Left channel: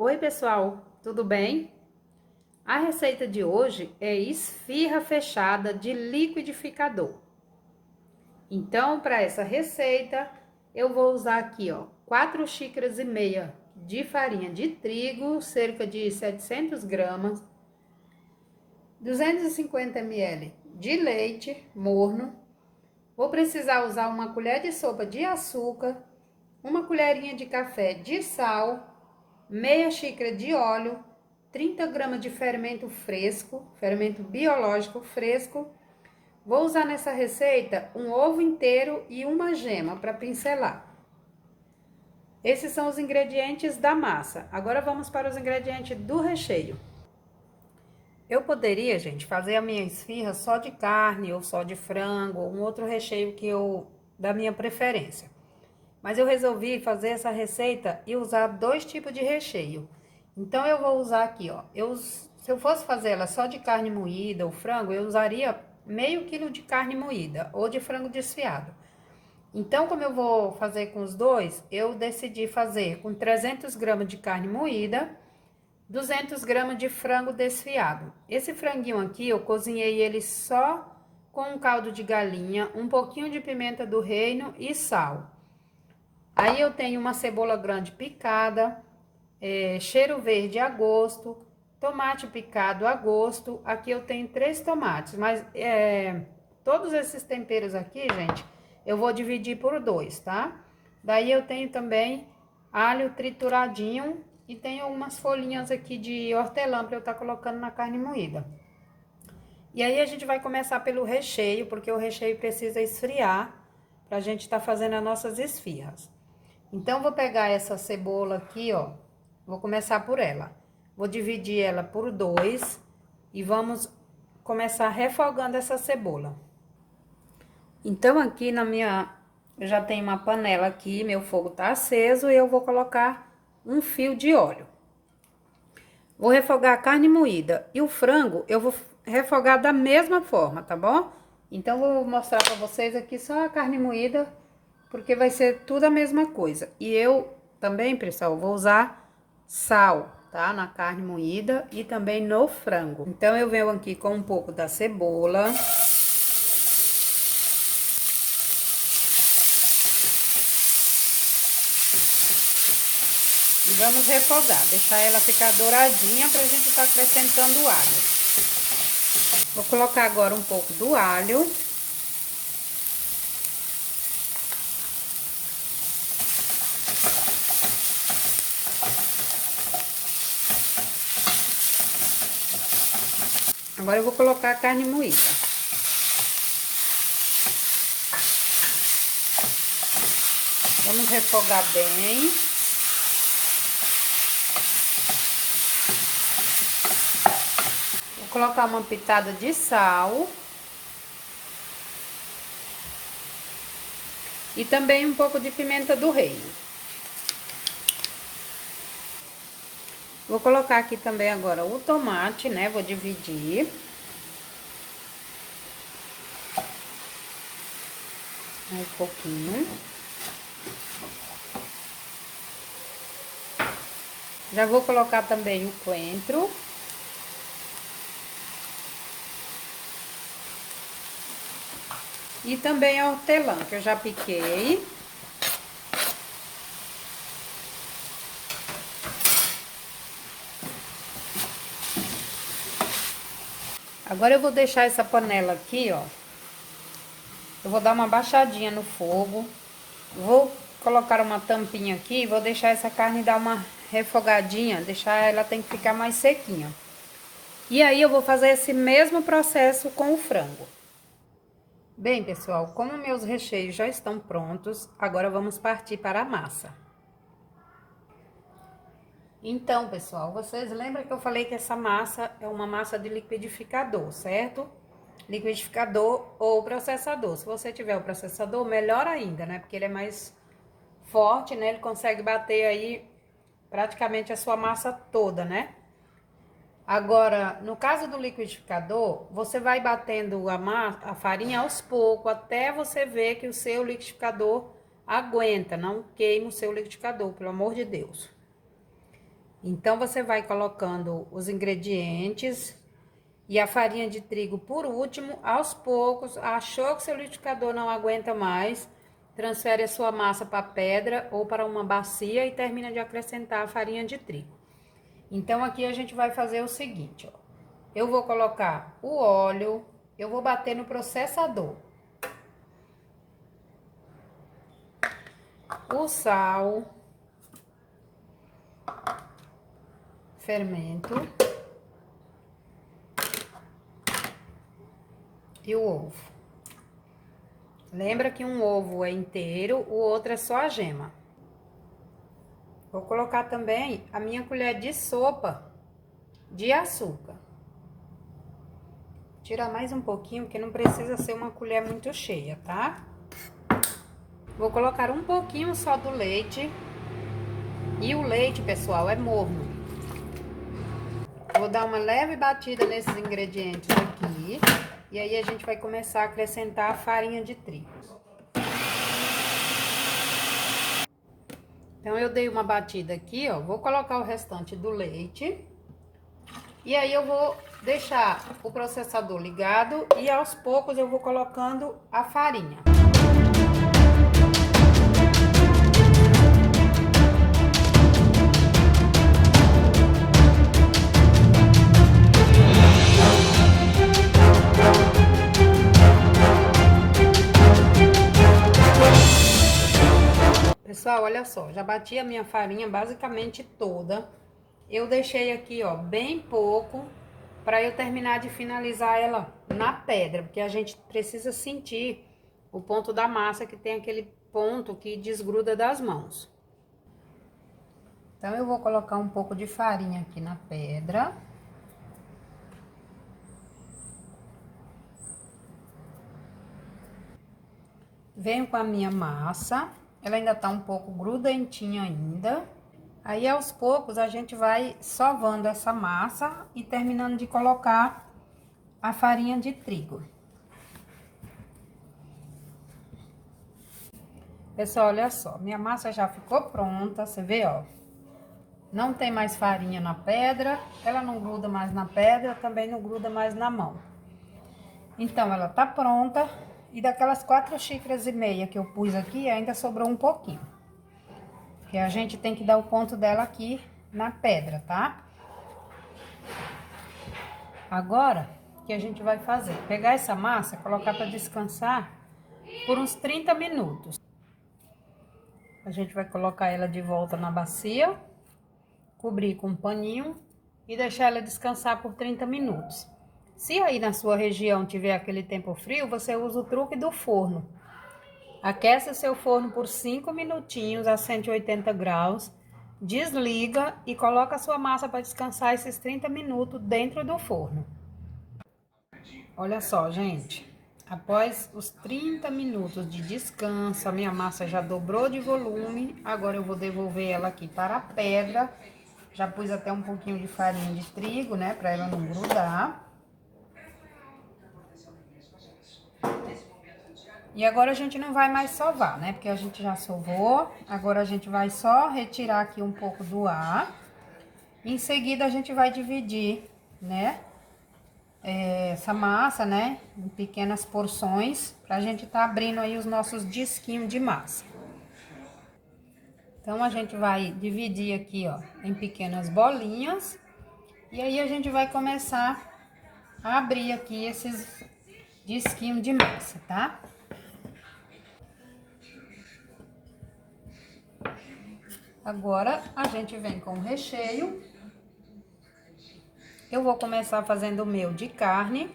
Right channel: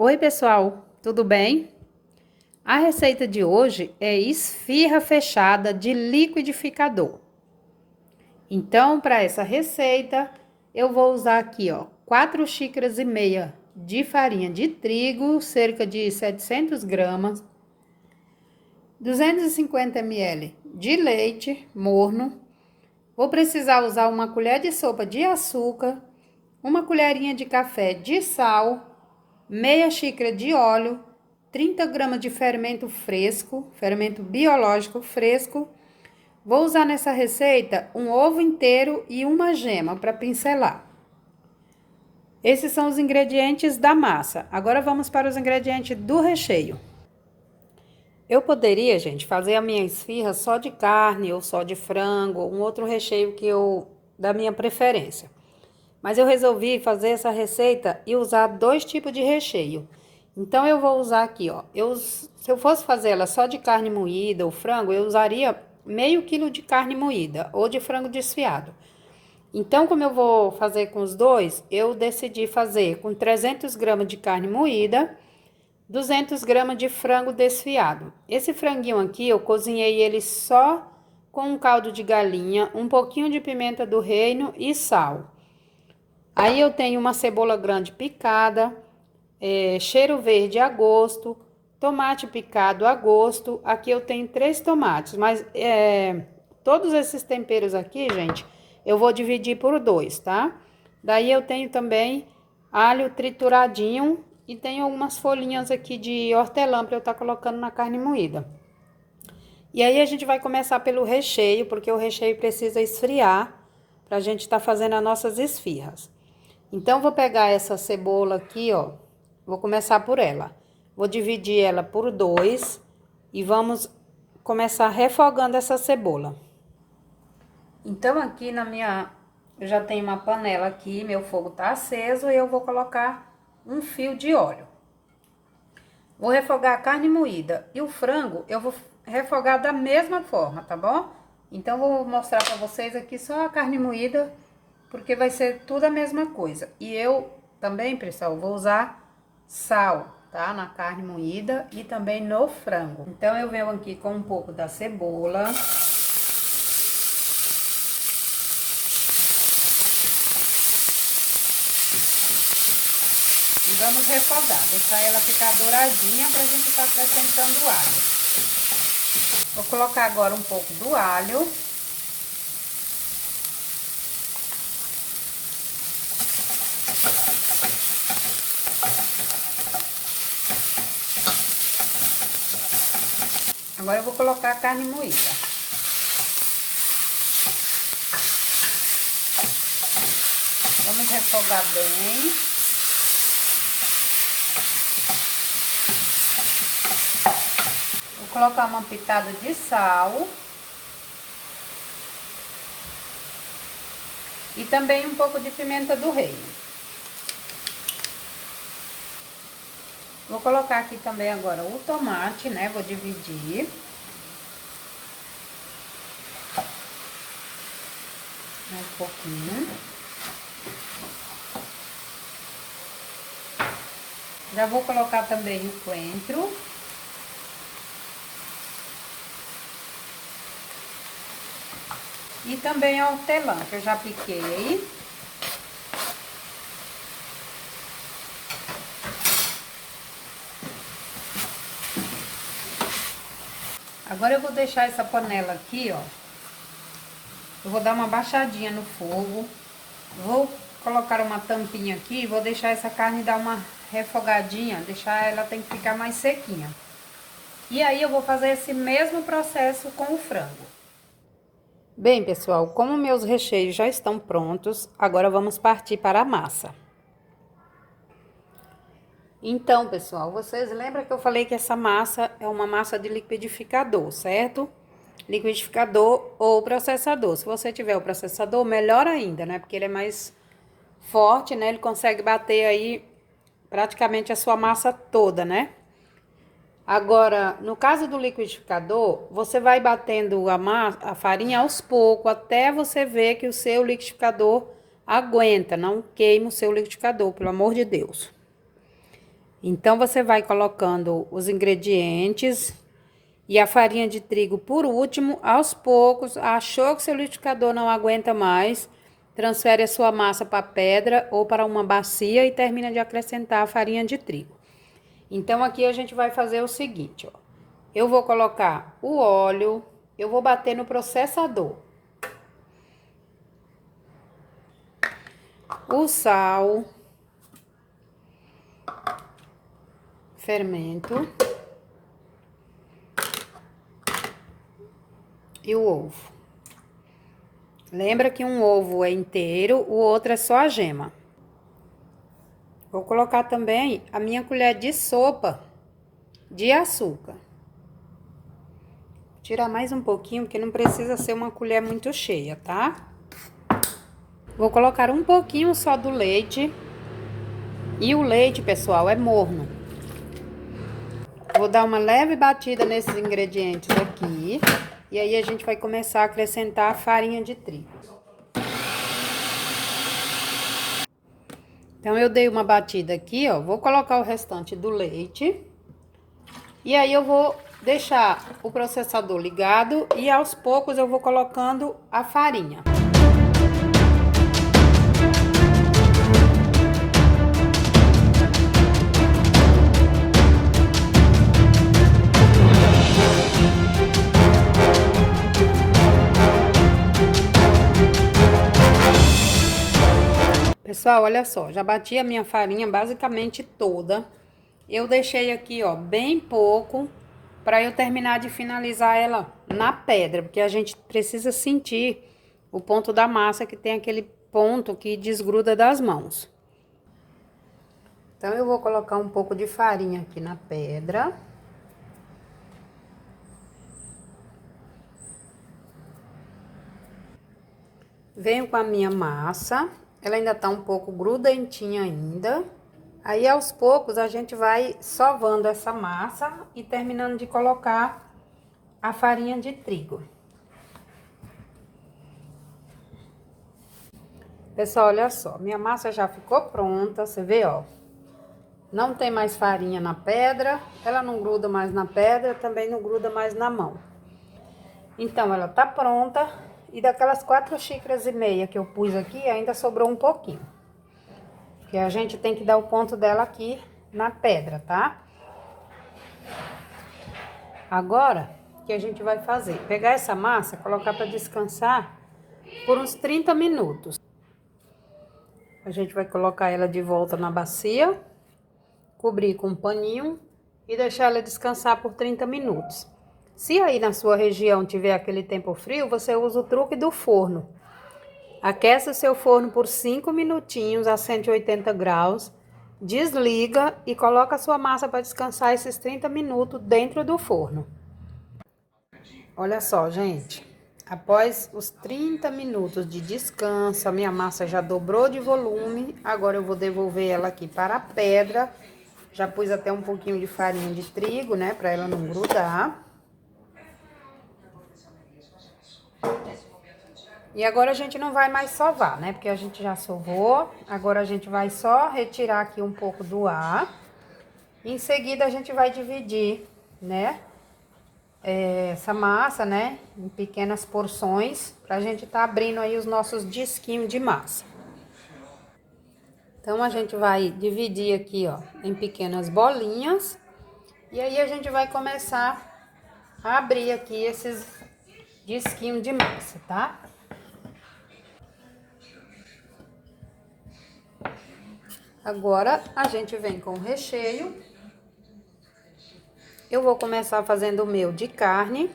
Oi, pessoal, tudo bem? A receita de hoje é esfirra fechada de liquidificador. Então, para essa receita, eu vou usar aqui, ó, 4 xícaras e meia de farinha de trigo, cerca de 700 gramas, 250 ml de leite morno. Vou precisar usar uma colher de sopa de açúcar, uma colherinha de café de sal, meia xícara de óleo, 30 gramas de fermento fresco, fermento biológico fresco. Vou usar nessa receita um ovo inteiro e uma gema para pincelar. Esses são os ingredientes da massa. Agora vamos para os ingredientes do recheio. Eu poderia, gente, fazer a minha esfirra só de carne ou só de frango, ou um outro recheio da minha preferência. Mas eu resolvi fazer essa receita e usar 2 tipos de recheio. Então, eu vou usar aqui, ó. Se eu fosse fazer ela só de carne moída ou frango, eu usaria meio quilo de carne moída ou de frango desfiado. Então, como eu vou fazer com os dois, eu decidi fazer com 300 gramas de carne moída, 200 gramas de frango desfiado. Esse franguinho aqui, eu cozinhei ele só com um caldo de galinha, um pouquinho de pimenta do reino e sal. Aí eu tenho uma cebola grande picada, cheiro verde a gosto, tomate picado a gosto. Aqui eu tenho 3 tomates, mas todos esses temperos aqui, gente, eu vou dividir por 2, tá? Daí eu tenho também alho trituradinho e tenho algumas folhinhas aqui de hortelã para eu estar colocando na carne moída. E aí a gente vai começar pelo recheio, porque o recheio precisa esfriar para a gente estar fazendo as nossas esfirras. Então, vou pegar essa cebola aqui, ó. Vou começar por ela. Vou dividir ela por 2 e vamos começar refogando essa cebola. Então, aqui eu já tenho uma panela aqui, meu fogo tá aceso e eu vou colocar um fio de óleo. Vou refogar a carne moída e o frango eu vou refogar da mesma forma, tá bom? Então, vou mostrar pra vocês aqui só a carne moída, porque vai ser tudo a mesma coisa. E eu também, pessoal, vou usar sal, tá? Na carne moída e também no frango. Então, eu venho aqui com um pouco da cebola. E vamos refogar, deixar ela ficar douradinha pra gente estar acrescentando o alho. Vou colocar agora um pouco do alho. Agora eu vou colocar a carne moída. Vamos refogar bem. Vou colocar uma pitada de sal. E também um pouco de pimenta do reino. Vou colocar aqui também agora o tomate, né? Vou dividir. Um pouquinho. Já vou colocar também o coentro. E também a hortelã, que eu já piquei. Agora eu vou deixar essa panela aqui, ó. Eu vou dar uma baixadinha no fogo. Vou colocar uma tampinha aqui e vou deixar essa carne dar uma refogadinha, ela tem que ficar mais sequinha. E aí eu vou fazer esse mesmo processo com o frango. Bem, pessoal, como meus recheios já estão prontos, agora vamos partir para a massa. Então, pessoal, vocês lembram que eu falei que essa massa é uma massa de liquidificador, certo? Liquidificador ou processador. Se você tiver o processador, melhor ainda, né? Porque ele é mais forte, né? Ele consegue bater aí praticamente a sua massa toda, né? Agora, no caso do liquidificador, você vai batendo a farinha aos poucos, até você ver que o seu liquidificador aguenta. Não queima o seu liquidificador, pelo amor de Deus. Então, você vai colocando os ingredientes e a farinha de trigo por último, aos poucos. Achou que seu liquidificador não aguenta mais, transfere a sua massa para a pedra ou para uma bacia e termina de acrescentar a farinha de trigo. Então, aqui a gente vai fazer o seguinte, ó. Eu vou colocar o óleo, eu vou bater no processador. O sal, fermento e o ovo. Lembra que um ovo é inteiro, o outro é só a gema. Vou colocar também a minha colher de sopa de açúcar. Tirar mais um pouquinho, porque não precisa ser uma colher muito cheia, tá? Vou colocar um pouquinho só do leite. E o leite, pessoal, é morno. Vou dar uma leve batida nesses ingredientes aqui. E aí a gente vai começar a acrescentar a farinha de trigo. Então, eu dei uma batida aqui, ó. Vou colocar o restante do leite. E aí eu vou deixar o processador ligado e aos poucos eu vou colocando a farinha. Pessoal, olha só, já bati a minha farinha basicamente toda. Eu deixei aqui, ó, bem pouco para eu terminar de finalizar ela na pedra, porque a gente precisa sentir o ponto da massa, que tem aquele ponto que desgruda das mãos. Então, eu vou colocar um pouco de farinha aqui na pedra. Venho com a minha massa, ela ainda tá um pouco grudentinha ainda. Aí, aos poucos, a gente vai sovando essa massa e terminando de colocar a farinha de trigo. Pessoal, olha só, minha massa já ficou pronta, você vê, ó. Não tem mais farinha na pedra, ela não gruda mais na pedra, também não gruda mais na mão. Então, ela tá pronta e daquelas 4,5 xícaras que eu pus aqui, ainda sobrou um pouquinho. Que a gente tem que dar o ponto dela aqui na pedra, tá? Agora, o que a gente vai fazer? Pegar essa massa, colocar para descansar por uns 30 minutos. A gente vai colocar ela de volta na bacia, cobrir com um paninho e deixar ela descansar por 30 minutos. Se aí na sua região tiver aquele tempo frio, você usa o truque do forno. Aquece o seu forno por 5 minutinhos a 180 graus, desliga e coloca a sua massa para descansar esses 30 minutos dentro do forno. Olha só, gente, após os 30 minutos de descanso, a minha massa já dobrou de volume. Agora eu vou devolver ela aqui para a pedra. Já pus até um pouquinho de farinha de trigo, né, para ela não grudar. E agora a gente não vai mais sovar, né? Porque a gente já sovou. Agora a gente vai só retirar aqui um pouco do ar. Em seguida a gente vai dividir, né? Essa massa, né? Em pequenas porções. Pra gente tá abrindo aí os nossos disquinhos de massa. Então a gente vai dividir aqui, ó, em pequenas bolinhas. E aí a gente vai começar a abrir aqui esses disquinhos de massa, tá? Agora, a gente vem com o recheio. Eu vou começar fazendo o meu de carne.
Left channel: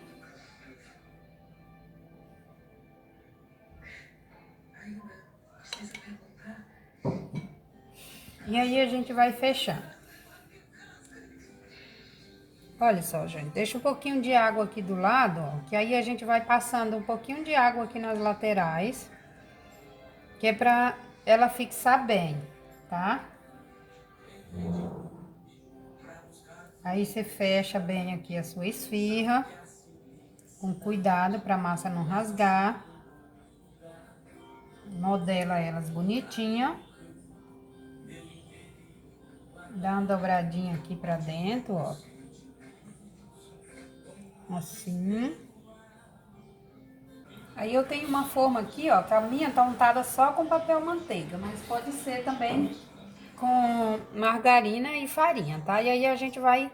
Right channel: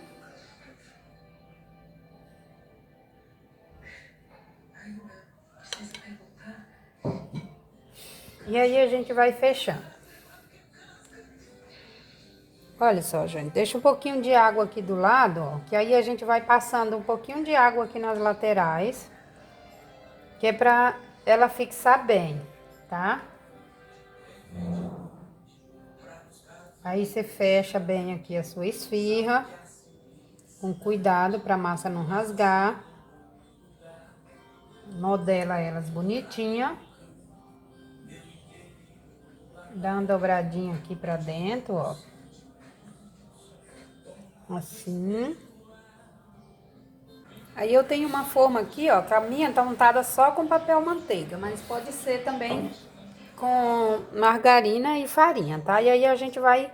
E aí, a gente vai fechando. Olha só, gente, deixa um pouquinho de água aqui do lado, ó, que aí a gente vai passando um pouquinho de água aqui nas laterais, que é pra ela fixar bem, tá? Aí você fecha bem aqui a sua esfirra, com cuidado pra massa não rasgar. Modela elas bonitinha. Dá uma dobradinha aqui pra dentro, ó. Assim. Aí eu tenho uma forma aqui, ó, que a minha tá untada só com papel manteiga, mas pode ser também com margarina e farinha, tá? E aí a gente vai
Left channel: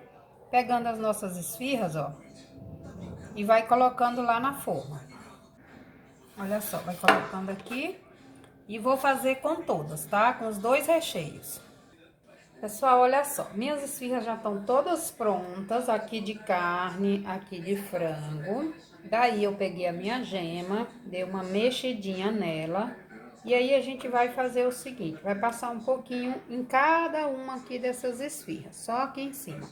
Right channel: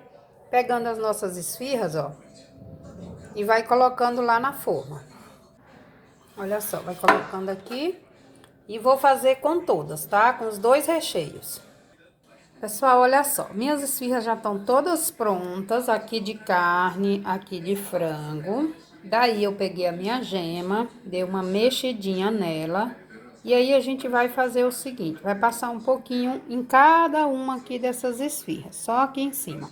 pegando as nossas esfirras, ó, e vai colocando lá na forma. Olha só, vai colocando aqui e vou fazer com todas, tá? Com os dois recheios. Pessoal, olha só, minhas esfirras já estão todas prontas, aqui de carne, aqui de frango. Daí eu peguei a minha gema, dei uma mexidinha nela. E aí a gente vai fazer o seguinte, vai passar um pouquinho em cada uma aqui dessas esfirras, só aqui em cima.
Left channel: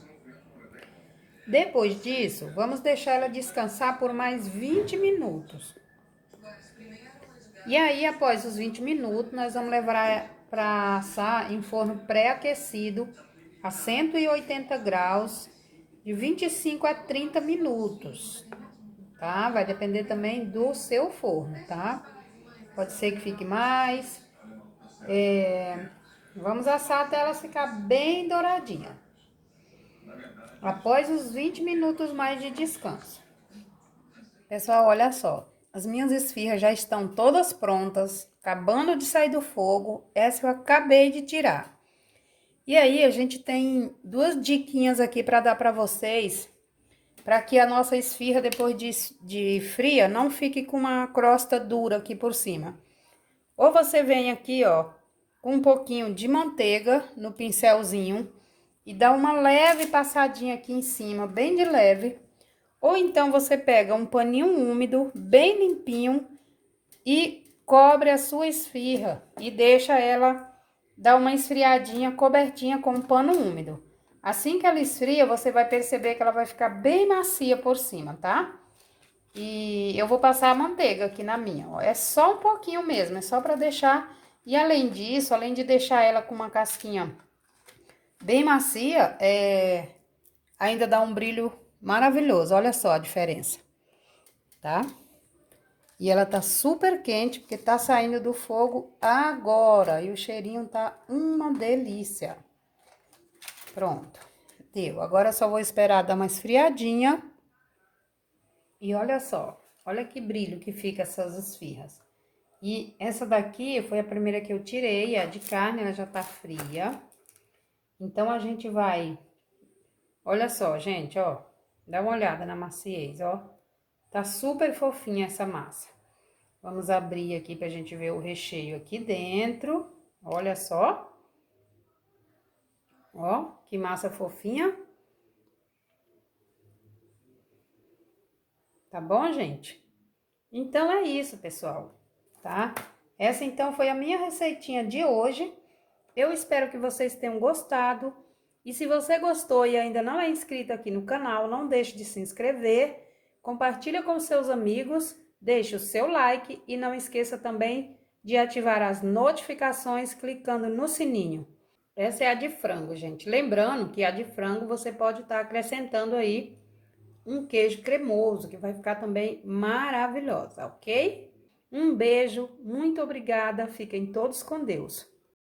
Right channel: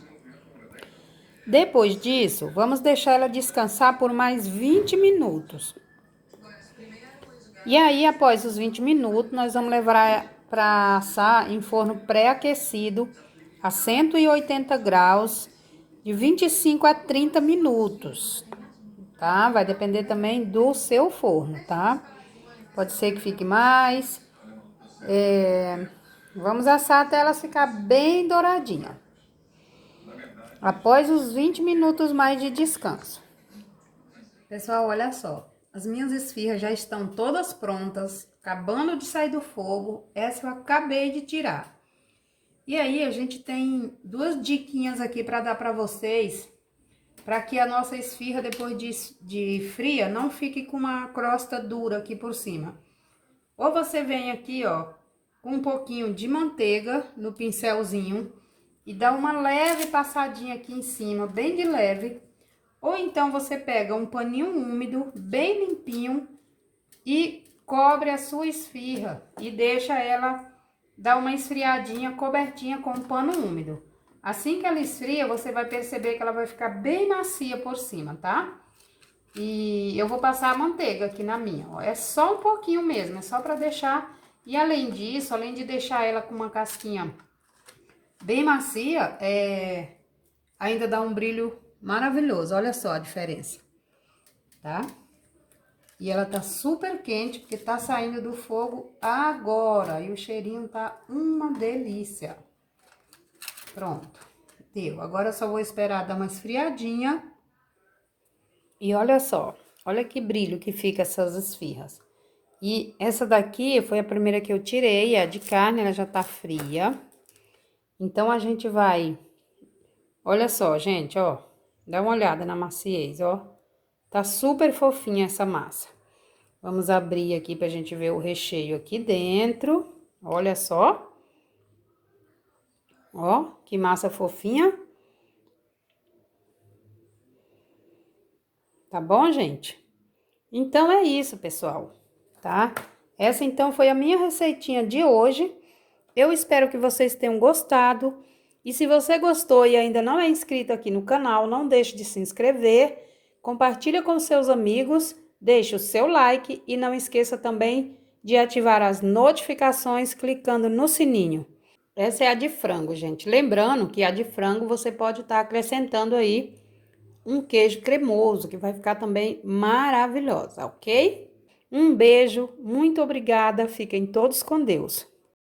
Depois disso, vamos deixar ela descansar por mais 20 minutos. E aí, após os 20 minutos, nós vamos levar para assar em forno pré-aquecido a 180 graus, de 25 a 30 minutos, tá? Vai depender também do seu forno, tá? Pode ser que fique mais. Vamos assar até ela ficar bem douradinha. Após os 20 minutos mais de descanso. Pessoal, olha só. As minhas esfirras já estão todas prontas, acabando de sair do fogo. Essa eu acabei de tirar. E aí, a gente tem duas diquinhas aqui para dar para vocês, para que a nossa esfirra, depois de fria, não fique com uma crosta dura aqui por cima. Ou você vem aqui, ó, com um pouquinho de manteiga no pincelzinho e dá uma leve passadinha aqui em cima, bem de leve. Ou então você pega um paninho úmido, bem limpinho, e cobre a sua esfirra e deixa ela dar uma esfriadinha cobertinha com um pano úmido. Assim que ela esfria, você vai perceber que ela vai ficar bem macia por cima, tá? E eu vou passar a manteiga aqui na minha, ó. É só um pouquinho mesmo, é só pra deixar. E além disso, além de deixar ela com uma casquinha bem macia, ainda dá um brilho maravilhoso. Olha só a diferença, tá? E ela tá super quente, porque tá saindo do fogo agora. E o cheirinho tá uma delícia. Pronto, deu. Agora eu só vou esperar dar uma esfriadinha. E olha só, olha que brilho que fica essas esfirras. E essa daqui foi a primeira que eu tirei, a de carne, ela já tá fria. Então, a gente vai... Olha só, gente, ó. Dá uma olhada na maciez, ó. Tá super fofinha essa massa. Vamos abrir aqui pra gente ver o recheio aqui dentro. Olha só. Ó, que massa fofinha. Tá bom, gente? Então, é isso, pessoal, tá? Essa, então, foi a minha receitinha de hoje. Eu espero que vocês tenham gostado. E se você gostou e ainda não é inscrito aqui no canal, não deixe de se inscrever. Compartilha com seus amigos, deixe o seu like e não esqueça também de ativar as notificações clicando no sininho. Essa é a de frango, gente. Lembrando que a de frango você pode estar acrescentando aí um queijo cremoso, que vai ficar também maravilhosa, ok? Um beijo, muito obrigada, fiquem todos com Deus.